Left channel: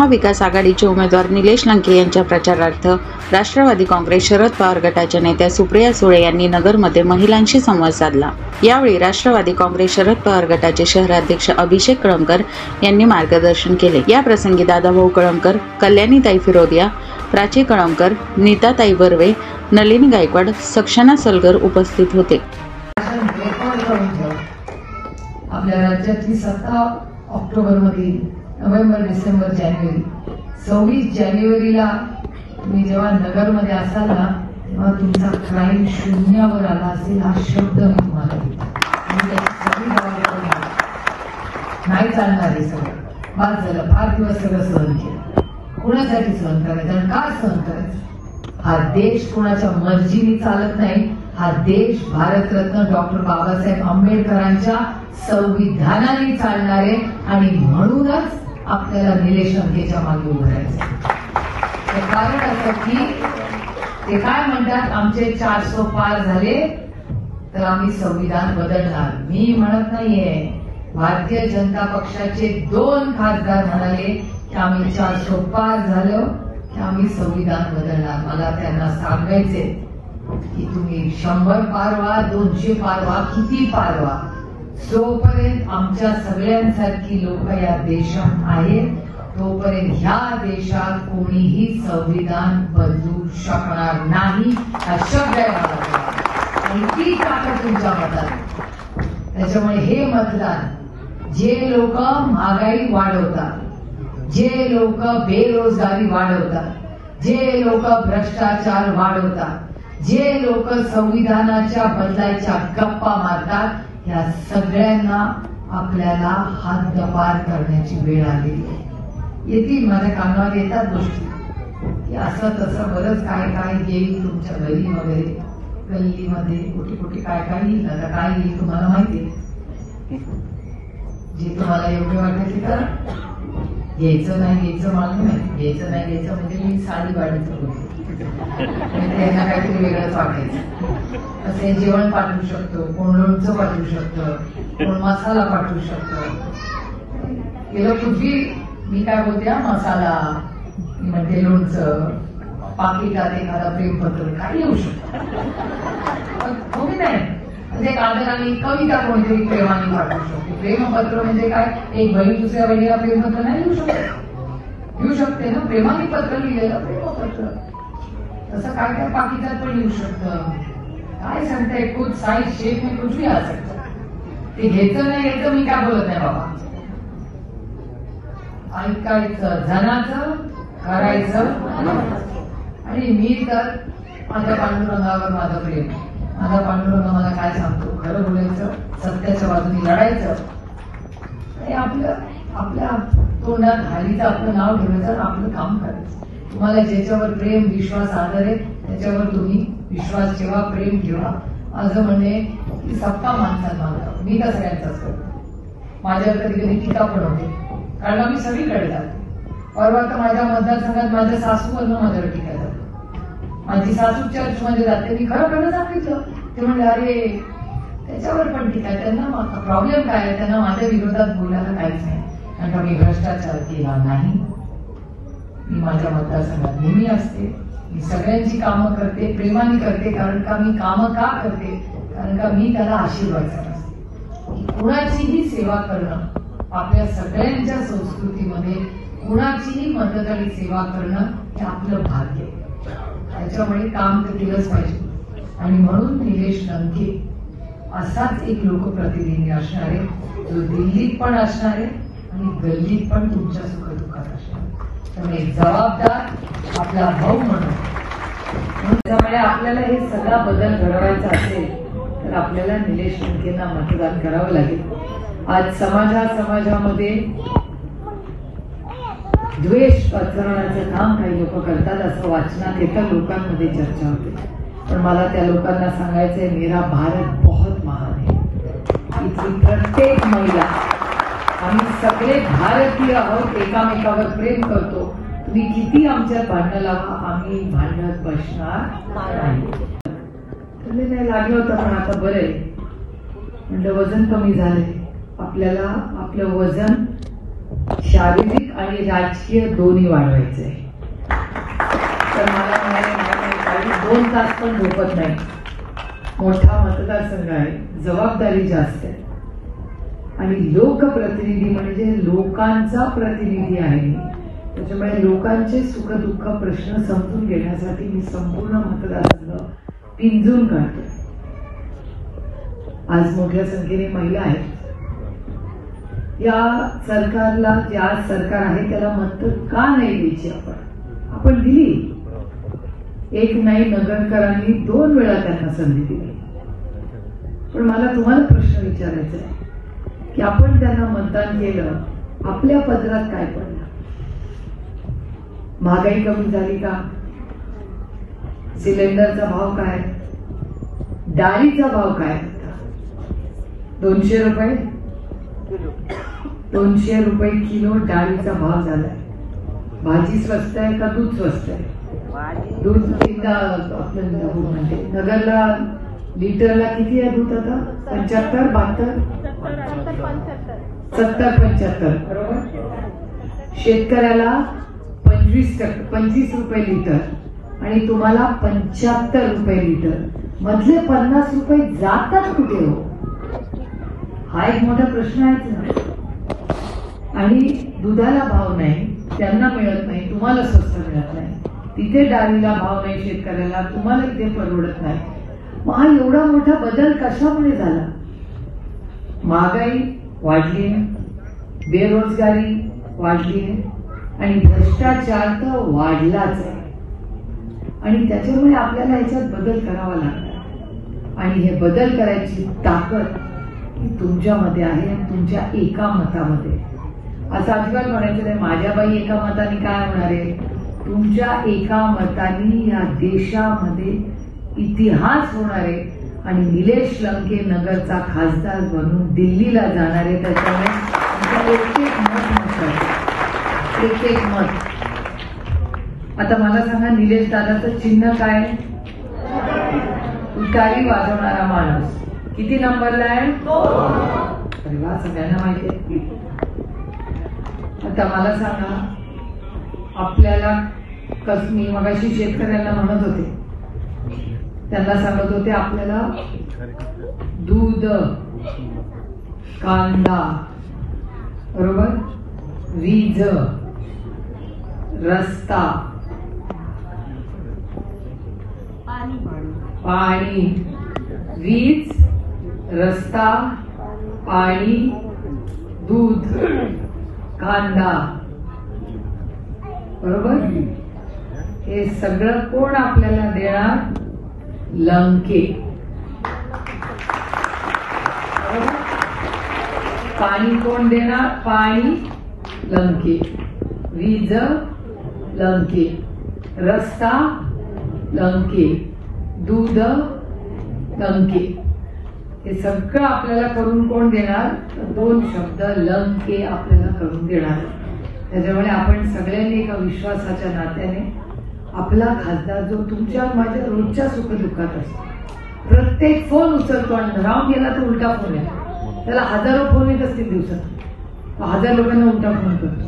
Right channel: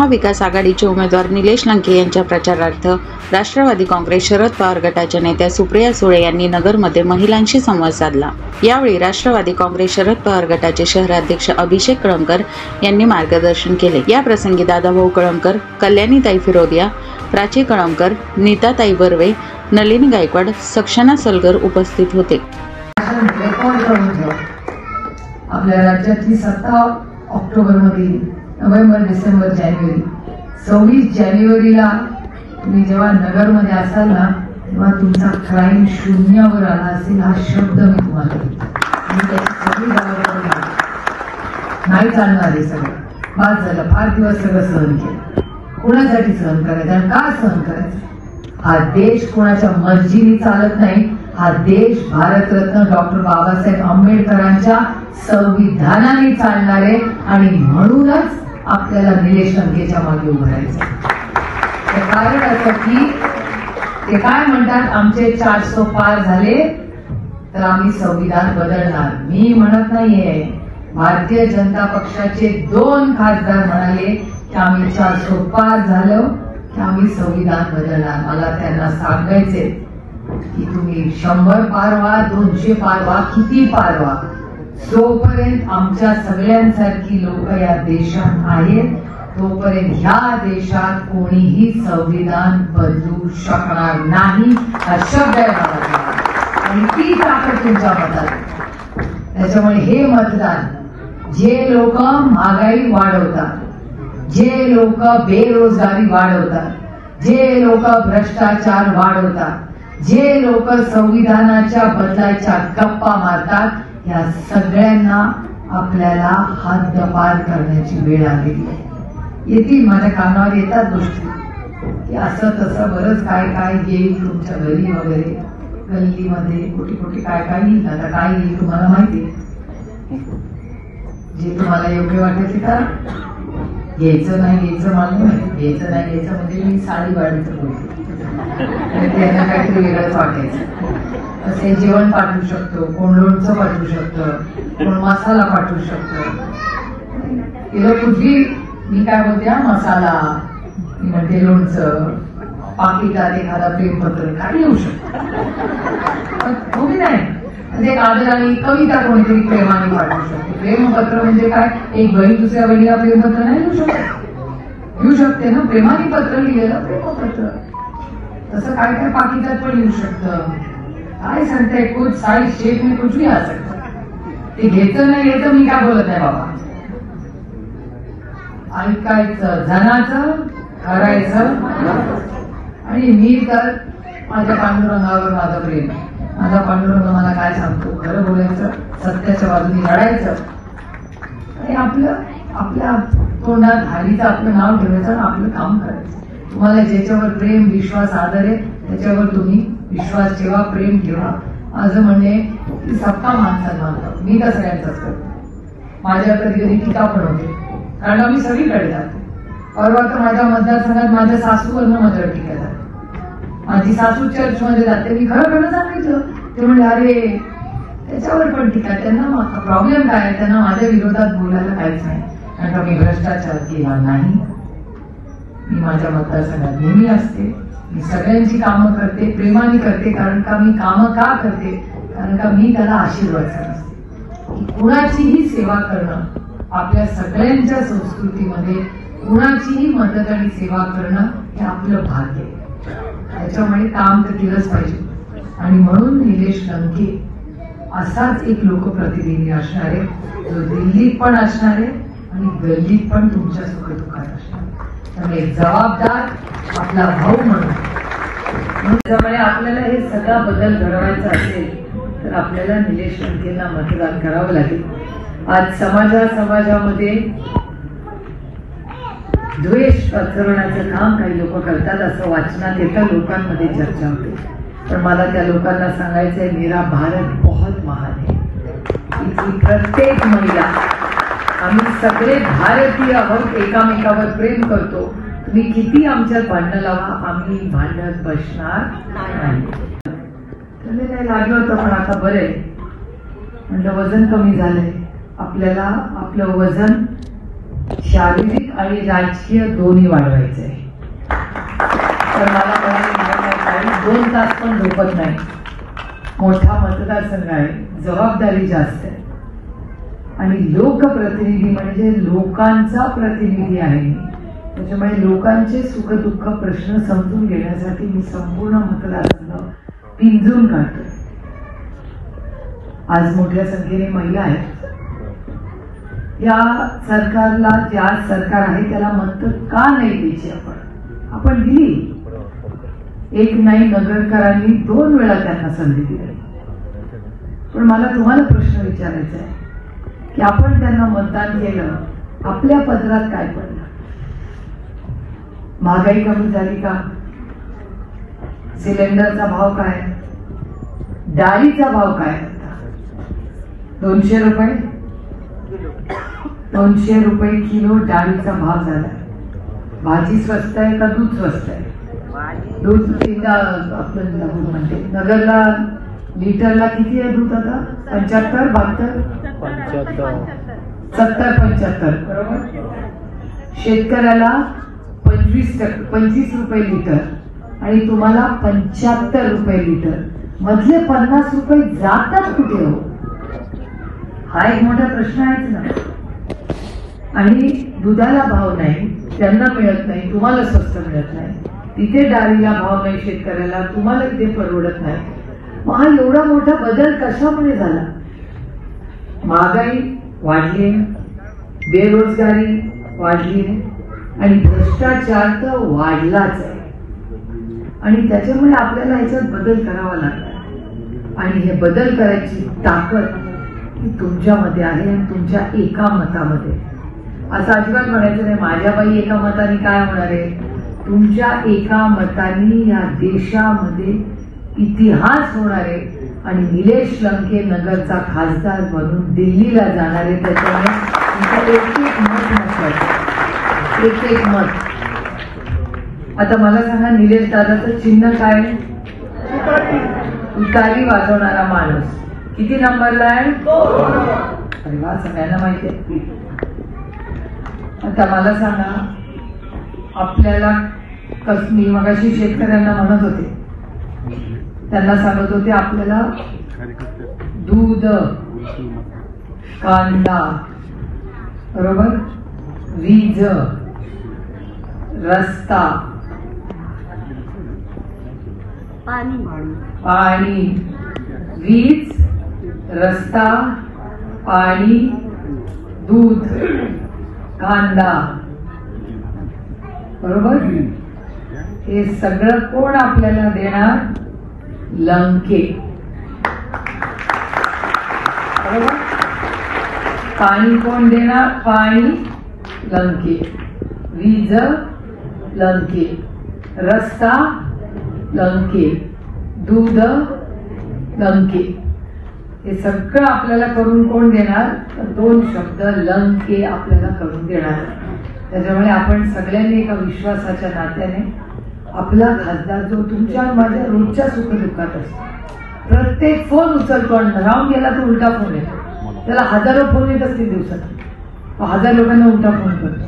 महाविकास आघाडीचे उमेदवार निलेश लंके यांच्या प्रचारार्थ राष्ट्रवादी काँग्रेस शरद पवार गटाच्या नेत्या सुप्रिया सुळे यांनी नगरमध्ये महिलांशी संवाद साधला। यावेळी राष्ट्रवादी काँग्रेस शरद पवार गटाचे शहराध्यक्ष अभिषेक कळमकर यांनी मार्गदर्शन केले। या प्रसंगी दादाभाऊ कळमकर, कल्याणीताई फिरोदिया, प्राची कळमकर, नीताताई बर्वे, नलिनी गायकवाड, सक्षना सलगर उपस्थित होते। आपल्या राज्यातली सत्ता ऑक्टोबरमध्ये, नोव्हेंबर, डिसेंबर, जानेवारी, 26 जानेवारीला तुम्ही जेव्हा नगरमध्ये असाल ना, तेव्हा तुमचा क्राईम शून्यावर आला असेल हा शब्द मी तुम्हाला नाही चालणार आहे। सगळं बाद झालं, फार दिवस सगळं सहन केलं। कोणासाठी सहन करायचं आणि का सहन करायचं? हा देश कोणाच्या मर्जीने चालत नाही। हा देश भारतरत्न डॉक्टर बाबासाहेब आंबेडकरांच्या संविधानाने चालणारे आणि म्हणूनच आपल्याला निलेश लंकेच्या मागे उभं राहायचं। ते कारण असं की ते काय म्हणतात, आमचे 400 पार झाले तर आम्ही संविधान बदलणार। मी म्हणत नाहीये, भारतीय जनता पक्षाचे 2 खासदार म्हणाले की आम्ही 400 पार झालो की आम्ही संविधान बदलणार। मला त्यांना सांगायचे की तुम्ही 100 पार व्हा, 200 पार व्हा, किती पार व्हा, जोपर्यंत आमच्या सगळ्यांसारखी लोक या देशात आहेत तोपर्यंत ह्या देशात कोणीही संविधान बदलू शकणार नाही हा शब्द आहे आणि ती ताकद तुमच्या मतात। त्याच्यामुळे हे मतदान जे लोक महागाई वाढवतात, जे लोक बेरोजगारी वाढवतात, जे लोक भ्रष्टाचार वाढवतात, जे लोक संविधानाच्या बदलाच्या गप्पा मारतात, या सगळ्यांना आपल्याला हद्दपार करण्याची वेळ आलेली आहे। येतील, माझ्या कानावर येतात गोष्टी की असं तसं बरंच काय काय येईल तुमच्या घरी वगैरे, गल्लीमध्ये कुठे कुठे काय काय येईल। आता काय येईल तुम्हाला माहिती, जे तुम्हाला योग्य वाटेल ते करा। घ्यायचं नाही घ्यायचं मला नाही माहिती, घ्यायचं नाही घ्यायचं म्हणजे मी साडी वाढीचं बोलते, त्यांना काहीतरी वेगळंच वाटायचं। असे जेवण पाठवू शकतो, कोण लोणचं पाठवू शकतं, कोण मसाला पाठवू शकतं। गेलं पूर्वी मी काय बोलते, मसाला, मी म्हणते लोणचं, पाकिटात एखादा प्रेमपत्र काही येऊ शकतं। तुम्ही नाही एक आदराने कविता कोणीतरी प्रेमाने पाठवू शकते। प्रेमपत्र म्हणजे काय, एक बहीण दुसऱ्या बहिणीला प्रेमपत्र नाही लिहू शकत, लिहू शकते ना, प्रेमाने पत्र लिहिलेलं प्रेमपत्र। तसं काय काय पाकिटात पण लिहू शकतं। काय सांगताय, कुछ साइज शेप में कुछ भी आ सकतं। ते घ्यायचं नाही घ्यायचं मी काय बोलत नाही बाबा, ऐकायचं जनाचं, करायचं। आणि मी तर माझ्या पांडुरंगावर माझं प्रेम, माझा पांडुरंग मला काय सांगतो, खरं बोलायचं, सत्याच्या बाजूने लढायचं आणि आपल्या तोंडात हल्लीचं आपलं नाव ठेवायचं, आपलं काम करायचं। तुम्हाला ज्याच्यावर प्रेम, विश्वास, आदर आहे त्याच्यावर तुम्ही विश्वास ठेवा, प्रेम ठेवा। माझं म्हणणे की सत्ता माणसाला मानतो, मी तर सगळ्यांचाच करतो। माझ्यावर कधी कधी टीका पण होते, कारण मी सगळीकडे जाते। परवा तर माझ्या मतदारसंघात माझ्या सासूवरनं माझ्यावर टीका जाते। माझी सासू चर्चमध्ये जाते, मी खरं खरं सांगितलं, ते म्हणजे अरे त्याच्यावर पण टीका, त्यांना प्रॉब्लेम काय आहे, त्यांना माझ्या विरोधात बोलायला काहीच नाही, कारण का मी भ्रष्टाचार केला नाही। मी माझ्या मतदारसंघात नेहमी असते, मी सगळ्यांची कामं करते, प्रेमाने करते। कारण का मी कामं का करते, कारण का मी त्याला आशीर्वाद असते। कुणाचीही सेवा करणं आपल्या सगळ्यांच्या संस्कृतीमध्ये, कुणाचीही मदत आणि सेवा करणं हे आपलं भाग्य आहे। त्याच्यामुळे काम तर केलंच पाहिजे आणि म्हणून निलेश लंके असाच एक लोकप्रतिनिधी असणार आहे, जो दिल्लीत पण असणार आहे आणि गल्लीत पण तुमच्या सुखदुःखात असणार। त्यामुळे जबाबदार आपला भाऊ म्हणून, त्यामुळे आपल्याला हे सगळा बदल घडवायचा असेल तर आपल्याला निलेश लंकेंना मतदान करावं लागेल। आज समाजामध्ये द्वेष पसरवण्याचं काम काही लोक करतात, असं वाचनात येतं, लोकांमध्ये चर्चा होते। पण मला त्या लोकांना सांगायचंय, मेरा भारत बहुत महान है। इथली प्रत्येक महिला, आम्ही सगळे भारतीय आहोत, एकामेकावर प्रेम करतो। तुम्ही किती आमच्यात भांडणं लावा, आम्ही भांडत बसणार नाही। नाही लागलं होतं, पण आता बरं आहे, म्हणलं वजन कमी झालंय, आपल्याला आपलं वजन शारीरिक आणि राजकीय दोन्ही वाढवायचे आहे. तर मला म्हणाले 2 तास पण झोपत नाही. मोठा मतदारसंघ आहे, जबाबदारी जास्त आहे आणि लोकप्रतिनिधी म्हणजे लोकांचा प्रतिनिधी आहे. त्याच्यामुळे लोकांचे सुखदुःख प्रश्न समजून घेण्यासाठी मी संपूर्ण मतदारसंघ पिंजून काढतो. आज मोठ्या संख्येने महिला आहेत. या सरकारला, ज्या सरकार आहे त्याला मत का नाही द्यायची आपण दिली. एक नाही, नगरकरांनी 2 वेळा त्यांना संधी दिली. पण मला तुम्हाला प्रश्न विचारायचा आहे की आपण त्यांना मतदान केलं, आपल्या पदरात काय पडलं? महागाई कमी झाली का? सिलेंडरचा भाव काय? डाळीचा भाव काय होता? 200 रुपये 200 रुपये किलो डाळीचा भाव झाला. भाजी स्वस्त आहे का दूध स्वस्त आहे? दूध आपण म्हणजे नगरला लिटरला किती आहे दूध आता? 75, 72, 70, 75 बरोबर. शेतकऱ्याला 25 रुपये लिटर आणि तुम्हाला 75 रुपये लिटर. मधले 50 रुपये जातात कुठे हो? हा एक मोठा प्रश्न आहेच ना. आणि दुधाला भाव नाही, त्यांना मिळत नाही, तुम्हाला स्वस्त मिळत नाही. तिथे डाळीला भाव नाही शेतकऱ्याला, तुम्हाला इथे परवडत नाही. मग हा एवढा मोठा बदल कशामुळे झाला? महागाई वाढली, बेरोजगारी वाढली आणि भ्रष्टाचार तर वाढलाच आहे. आणि त्याच्यामुळे आपल्याला याच्यात बदल करावा लागला. आणि हे बदल करायची ताकद ही तुमच्यामध्ये आहे आणि तुमच्या एका मतामध्ये. असं अजिबात म्हणायचं नाही माझ्या बाई एका मताने काय होणार आहे. तुमच्या एका मताने या देशामध्ये इतिहास होणार आहे आणि निलेश लंके नगरचा खासदार म्हणून दिल्लीला जाणार आहे. त्याच्यामुळे एक मत महत्वाचं, एक मत. आता मला सांगा, निलेश दादाचं चिन्ह काय? तुतारी वाजवणारा माणूस. किती नंबरला आहे? अरे वा, सगळ्यांना माहिती आहे. आता मला सांगा, आपल्याला मी मगाशी शेतकऱ्यांना म्हणत होते, त्यांना सांगत होते आपल्याला दूध, कांदा बरोबर, वीज, रस्ता, पाणी, वीज, रस्ता, पाणी, दूध, कांदा बरोबर. हे सगळं कोण आपल्याला देणार? लंके बरोबर. पाणी कोण देणार? पाणी लंके, वीज लंके, रस्ता लंके, दूध लंके. हे सगळं आपल्याला करून कोण देणार? 2 शब्द लंके आपल्याला करून देणार. त्याच्यामुळे आपण सगळ्यांनी एका विश्वासाच्या नात्याने आपला खासदार जो तुमच्या माझ्या रोजच्या सुखदुःखात असतो, प्रत्येक फोन उचलतो आणि राहून गेला तर उलटा फोन येतो. त्याला हजारो फोन येत असतील दिवसात, 1000 लोकांना उलटा फोन करतो.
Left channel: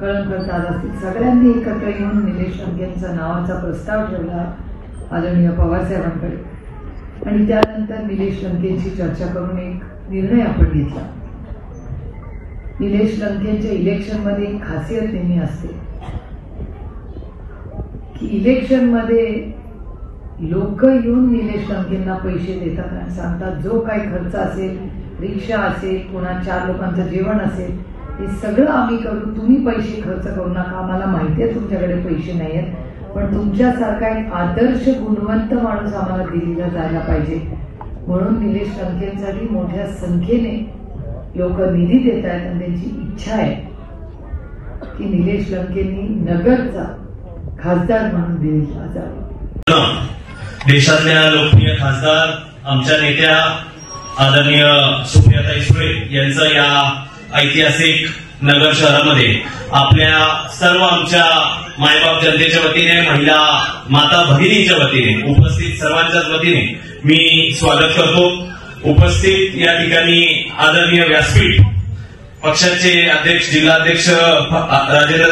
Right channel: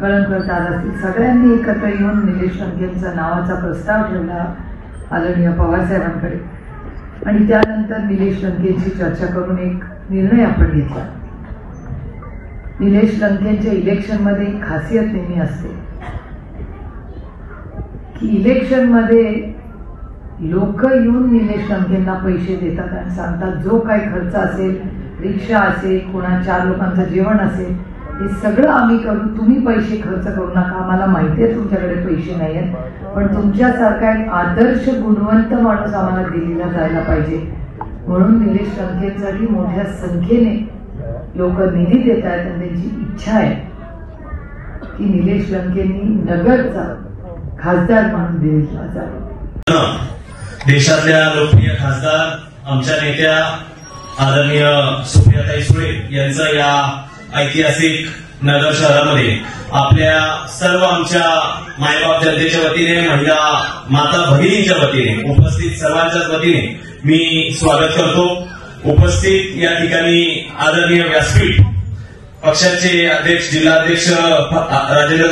कळण करतात असतील. सगळ्यांनी एकत्र येऊन निलेश लंकेंचा नावाचा प्रस्ताव ठेवला आदरणीय पवारसाहेबांकडे आणि त्यानंतर निलेश लंकेंची चर्चा करून एक निर्णय आपण घेतला. निलेश लंकेंच्या इलेक्शनमध्ये एक खासियत नेहमी असते की इलेक्शनमध्ये लोक येऊन निलेश लंकेंना पैसे देतात आणि सांगतात जो काही खर्च असेल, रिक्षा असेल, कोणा 4 लोकांचं जेवण असेल, हे सगळं आम्ही करू, तुम्ही पैसे खर्च करू नका. आम्हाला माहिती आहे तुमच्याकडे पैसे नाही आहेत, पण तुमच्यासारखा एक आदर्श गुणवंत माणूस आम्हाला दिल्लीला जायला पाहिजे. म्हणून निलेश लंकेंसाठी मोठ्या संख्येने लोक निधी देत आहेत आणि त्यांची इच्छा आहे की निलेश लंकेंनी नगरचा खासदार म्हणून दिल्लीला जावं. देशातल्या लोकप्रिय खासदार आमच्या नेत्या आदरणीय सुप्रियाताई सुळे यांचं या ऐतिहासिक नगर शहरामध्ये आपल्या सर्व आमच्या मायबाप जनतेच्या वतीने, महिला माता भगिनींच्या वतीने, उपस्थित सर्वांच्याच वतीने मी स्वागत करतो. उपस्थित या ठिकाणी आदरणीय व्यासपीठ पक्षाचे अध्यक्ष जिल्हाध्यक्ष राजेंद्र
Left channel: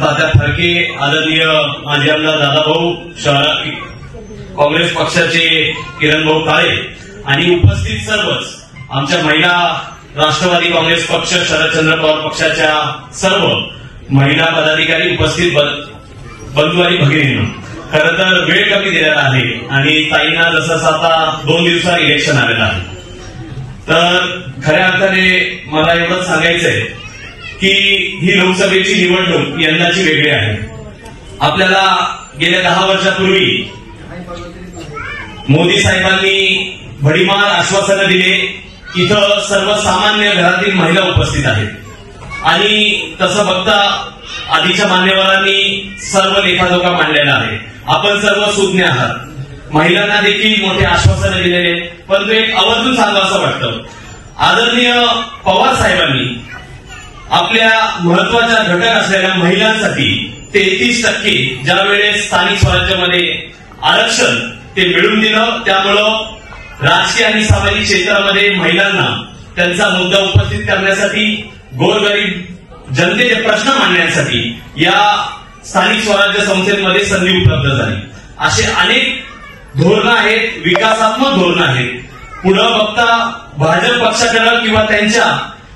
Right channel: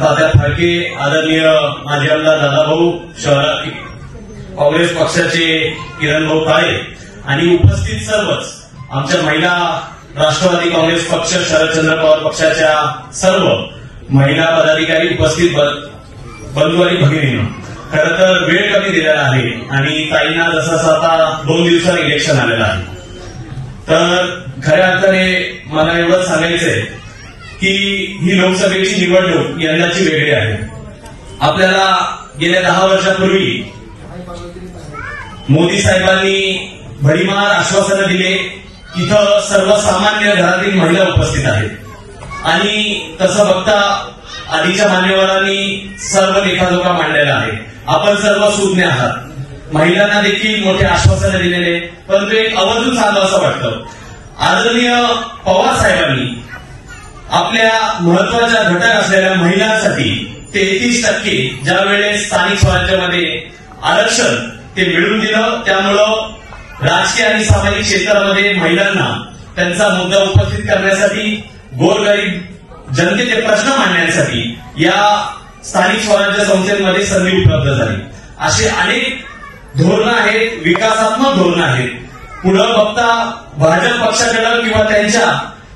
तात्या फाळके, आदरणीय माजी आमदार दादाभाऊ, शहर काँग्रेस पक्षाचे किरण भाऊ काळे आणि उपस्थित सर्वच आमच्या महिला राष्ट्रवादी काँग्रेस पक्ष शरदचंद्र पवार पक्षाच्या सर्व महिला पदाधिकारी, उपस्थित बंधू आणि भगिनींनो, खरं तर वेळ कमी दिलेला आहे आणि ताईंना जसं आता 2 दिवसात इलेक्शन आलेलं आहे, तर खऱ्या अर्थाने मला एवढंच सांगायचंय की ही लोकसभेची निवडणूक यंदाची वेगळी आहे. आपल्याला गेल्या 10 वर्षापूर्वी मोदी साहेबांनी भडीमार आश्वासनं दिले. इथं सर्वसामान्य घरातील महिला उपस्थित आहेत आणि तसं बघता आधीच्या मान्यवरांनी सर्व लेखाजोखा मांडलेला आहे. आपण सर्व सुज्ञ आहात. महिलांना देखील मोठे आश्वासनं दिलेले, पण तो एक आवर्जून सांगावं वाटतं. आदरणीय पवार साहेबांनी आपल्या महत्वाच्या घटक असलेल्या महिलांसाठी 33% ज्या वेळेस स्थानिक स्वराज्यामध्ये आरक्षण ते मिळवून दिलं, त्यामुळं राजकीय आणि सामाजिक क्षेत्रामध्ये महिलांना त्यांचा मुद्दा उपस्थित करण्यासाठी, गोरगरीब जनतेचे प्रश्न मांडण्यासाठी या स्थानिक स्वराज्य संस्थेमध्ये संधी उपलब्ध झाली. असे अनेक धोरणं आहेत, विकासात्मक धोरणं आहेत. पुढे बघता भाजप पक्षाकडे किंवा त्यांच्या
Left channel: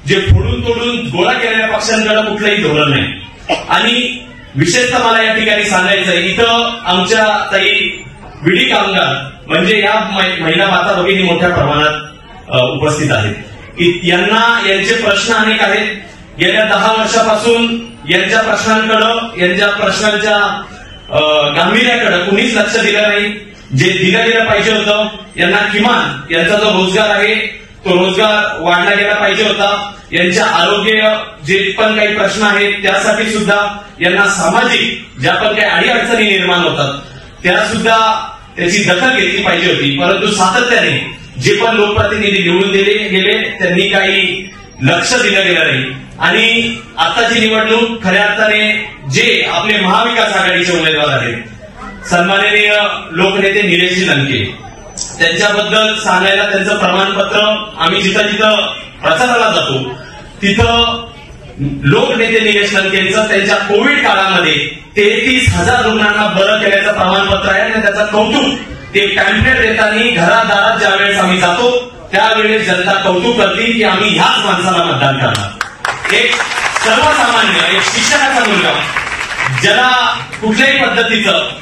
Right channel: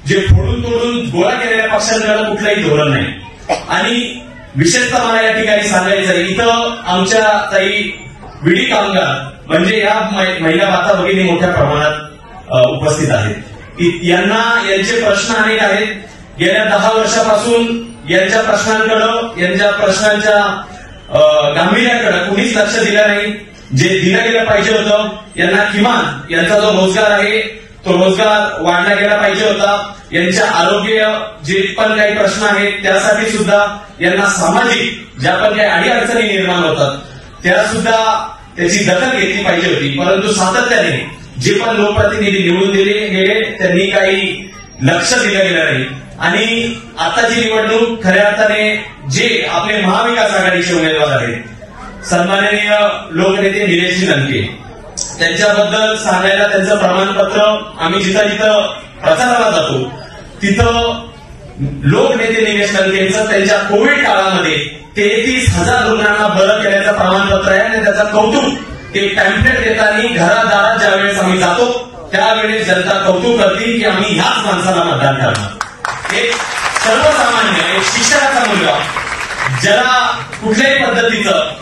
जे फोडून तोडून गोळा केलेल्या पक्षांकडे कुठलंही धोरण नाही. आणि विशेषतः मला या ठिकाणी सांगायचं, इथं आमच्या ताई विडी कामगार म्हणजे या महिला माता भगिनी मोठ्या प्रमाणात उपस्थित आहेत. यांचे प्रश्न अनेक आहेत. गेल्या 10 वर्षापासून यांच्या प्रश्नांच्या गांभीर्याकडे कुणीच लक्ष दिलं नाही. जे दिलं गेलं पाहिजे होतं, यांना किमान यांचा जो रोजगार आहे तो रोजगार वाढला गेला पाहिजे होता. यांच्या आरोग्य जे पण काही प्रश्न आहेत त्यासाठी सुद्धा यांना सामाजिक ज्या पण काही अडीअडचणी निर्माण होतात त्या सुद्धा त्याची दखल घेतली पाहिजे होती. परंतु सातत्याने जे पण लोकप्रतिनिधी निवडून दिले गेले त्यांनी काही लक्ष दिलं गेलं नाही. आणि आताची निवडणूक खऱ्या अर्थाने जे आपले महाविकास आघाडीचे उमेदवार आहेत, सन्माननीय लोकनेते निलेश लंके, त्यांच्याबद्दल सांगायला त्यांचं प्रमाणपत्र आम्ही जिथं जिथं प्रचाराला जातो तिथं लोकनेते निलेश लंकेंचं त्यांच्या कोविड काळामध्ये 33,000 रुग्णांना बरं केल्याचं प्रमाणपत्र आहे आणि त्याचं कौतुक ते पॅम्पलेट देताना घरादारात ज्यावेळेस आम्ही जातो त्यावेळेस जनता कौतुक करते की आम्ही ह्याच माणसाला मतदान करणार. एक सर्वसामान्य, एक शिक्षकाचा मुलगा ज्याला कुठल्याही पद्धतीचं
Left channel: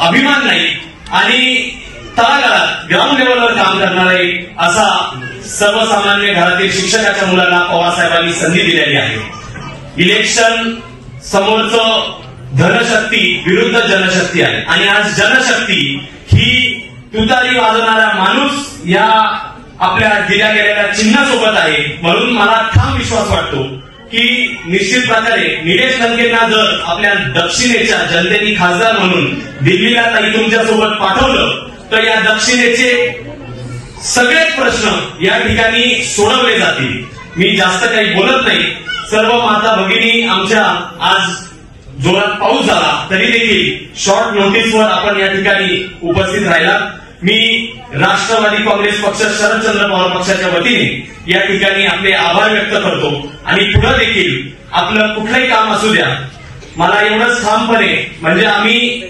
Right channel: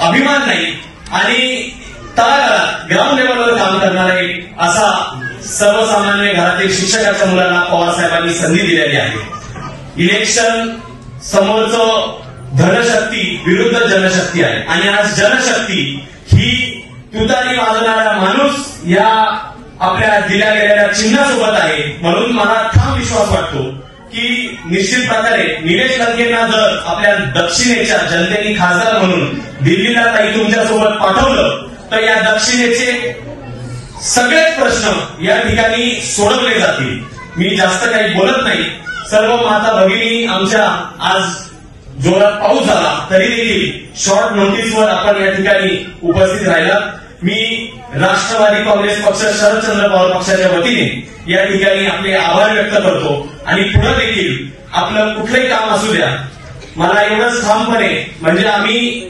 अभिमान नाही आणि तळागाळात ग्राउंड लेवलवर काम करणारे असा सर्वसामान्य घरातील शिक्षकाच्या मुलाला पवारसाहेबांनी संधी दिलेली आहे. इलेक्शन समोरचं धनशक्ती विरुद्ध जनशक्ती आहे आणि आज जनशक्ती ही तुतारी वाजवणारा माणूस या आपल्या दिल्या गेलेल्या चिन्हासोबत आहे. म्हणून मला ठाम विश्वास वाटतो की निश्चित प्रकारे निलेश लंकेंना जर आपल्या दक्षिणेच्या जनतेने खासदार म्हणून दिल्लीला ताई तुमच्यासोबत पाठवलं तर या दक्षिणेचे सगळेच प्रश्न या ठिकाणी सोडवले जातील. मी जास्त काही बोलत नाही. सर्व माता भगिनी आमच्या आज जोरात पाऊस झाला तरी देखील शॉर्ट नोटीसवर आपण या ठिकाणी उपस्थित राहिलात. मी राष्ट्रवादी काँग्रेस पक्ष शरदचंद्र पवार पक्षाच्या वतीने या ठिकाणी आपले आभार व्यक्त करतो आणि पुढे देखील आपलं कुठलंही काम असू द्या, मला एवढंच ठामपणे म्हणजे आम्ही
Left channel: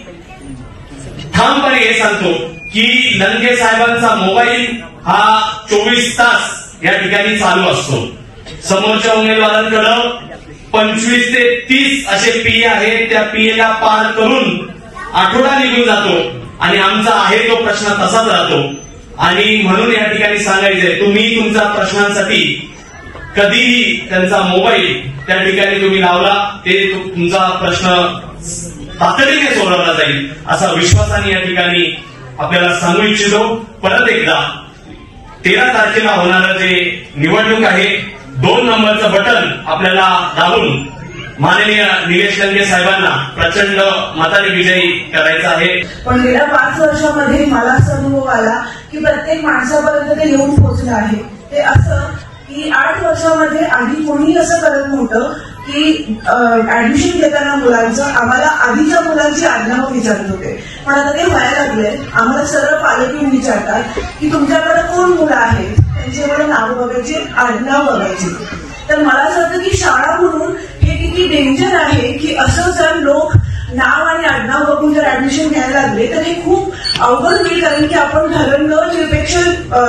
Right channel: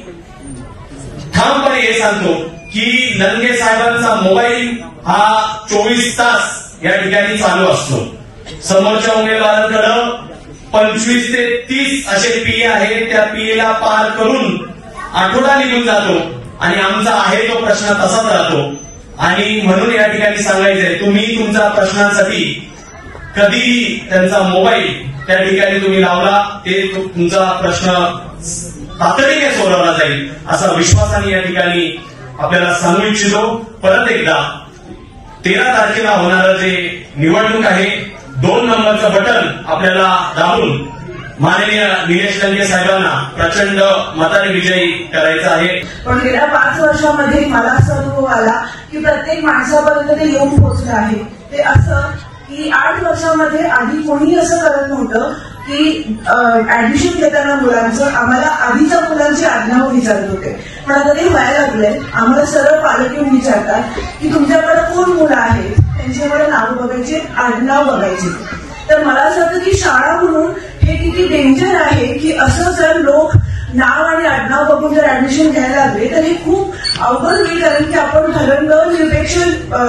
ठामपणे हे सांगतो की लंके साहेबांचा मोबाईल हा 24 तास या ठिकाणी चालू असतो. समोरच्या उमेदवारांकडे 25 ते 30 असे पीए आहेत. त्या पीएला पार करून आठवडा निघून जातो आणि आमचा आहे तो प्रश्न तसाच राहतो. आणि म्हणून या ठिकाणी सांगायचंय, तुम्ही तुमच्या प्रश्नांसाठी कधीही त्यांचा मोबाईल त्या ठिकाणी तुम्ही लावला ते तुमचा प्रश्न तातडीने सोडवला जाईल असा विश्वासाने या ठिकाणी आपल्याला सांगू इच्छितो. परत एकदा 13 तारखेला होणारं जे निवडणूक आहे 2 नंबरचं बटन आपल्याला दाबून माननीय निलेश लंके साहेबांना प्रचंड मताने विजयी करायचा आहे. पण गेल्या 5 वर्षामध्ये मला असा अनुभव आला की प्रत्येक माणसापर्यंत ते येऊन पोहोचलं आहे. ते असं की 8 वर्षामध्ये आधी कोणी असं करत नव्हतं की ऍडमिशन घेताना मुलांचं आम्हाला आधीच्या मुलांची आडनावं विचारत होते, पण आता ते व्हायला लागलंय. आम्हाला सरळ पालक येऊन विचारतात की तुमच्याकडे कोण मुलं आहेत त्यांच्याकडे नाव बघायचे, आडनाव बघायचे. तर मला असं वाटतं की शाळा म्हणून हे किती डेंजर आहे की असं जर लोक नाव आणि आडनाव बघून जर ऍडमिशन घ्यायला लागले तर हे खूप अवघड होईल, कारण की आपण धर्मनिरपेक्ष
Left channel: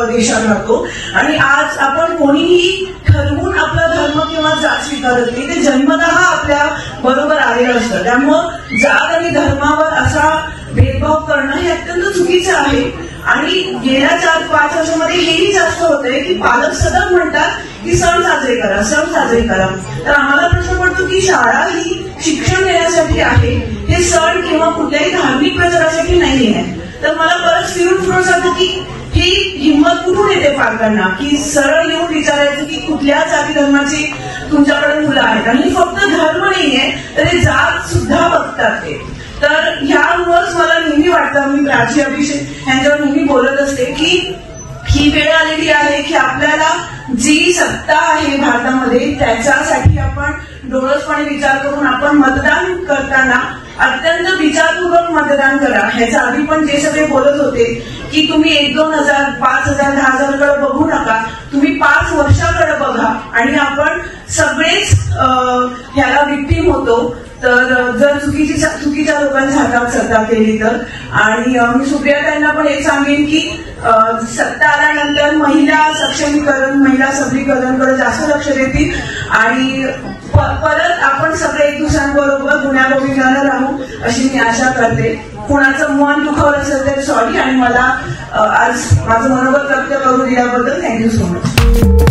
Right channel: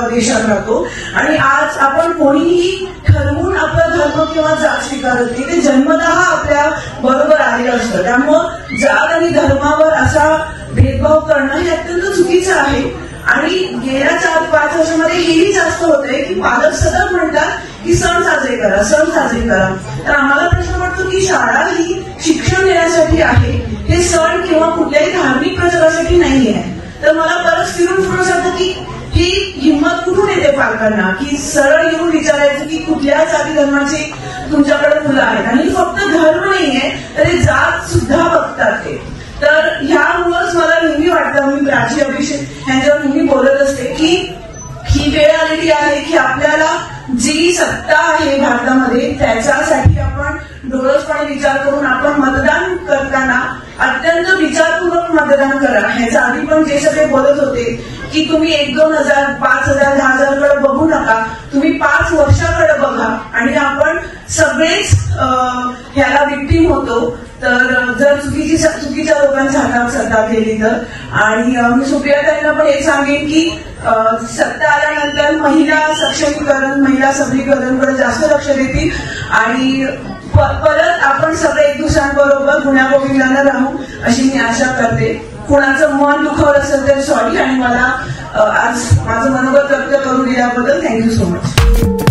देशात राहतो आणि आज आपण कोणीही ठरवून आपला धर्म किंवा जात स्वीकारत नाही, ते जन्मतः आपल्या बरोबर आलेलं असतं. त्यामुळं जात आणि धर्मावर असा भेदभाव करणं हे अत्यंत चुकीचं आहे. आणि गेल्या 4-5 वर्षामध्ये हेही जास्त होतंय की पालक सतत म्हणतात की सण साजरे करा, सण साजरे करा. तर आम्हाला प्रश्न पडतो की शाळा ही शिक्षण देण्यासाठी आहे, हे सण किंवा कुठल्याही धार्मिक प्रचारासाठी नाही आहे. तर मला परत फिरून सांगतो की ही हिंमत कुठून येते पालकांना की सरळ येऊन विचारायचं की कुठल्या जाती धर्माची तुमच्याकडे मुलं आहेत, आणि फक्त धर्म नाहीये तर हे जात सुद्धा बघतात ते. तर ह्यामुळंच मला नेहमी वाटतं, मी प्राची अभिषेक यांच्यावर नेहमी बोलत असते की ही वेळ आलेली आहे की आपल्याला जी सत्ता आहे भारतामध्ये त्याच्यासाठी आपण डोळसपणे विचार करून आपण मतदान करताना अत्यंत विचारपूर्वक मतदान करा. ह्याच्या आधी पण जे सगळे बोलत होते की तुम्ही 1-2,000, 5,000, 10,000 कडे बघू नका, तुम्ही 5 वर्षाकडे बघा, आणि आपण सगळेच ह्याला विक्टीम होतो तर जर चुकीच्या लोकांच्या हातात सत्ता केली तर. आणि मी सुप्रियाताईंना पण हे सांगेन की सत्ता आल्यानंतर महिला सक्षमीकरण, महिला सबलीकरणाकडे जास्त लक्ष देतील आणि परत आपण सगळे एक दुसऱ्यांबरोबर गुण्यागोविंदानं राहू अशी मी आशा करते. कोणाचं मन दुखवलं असेल तर सॉरी, आणि मला आज माझं मनोगत व्यक्त करून दिल्याबद्दल थँक्यू सो मच.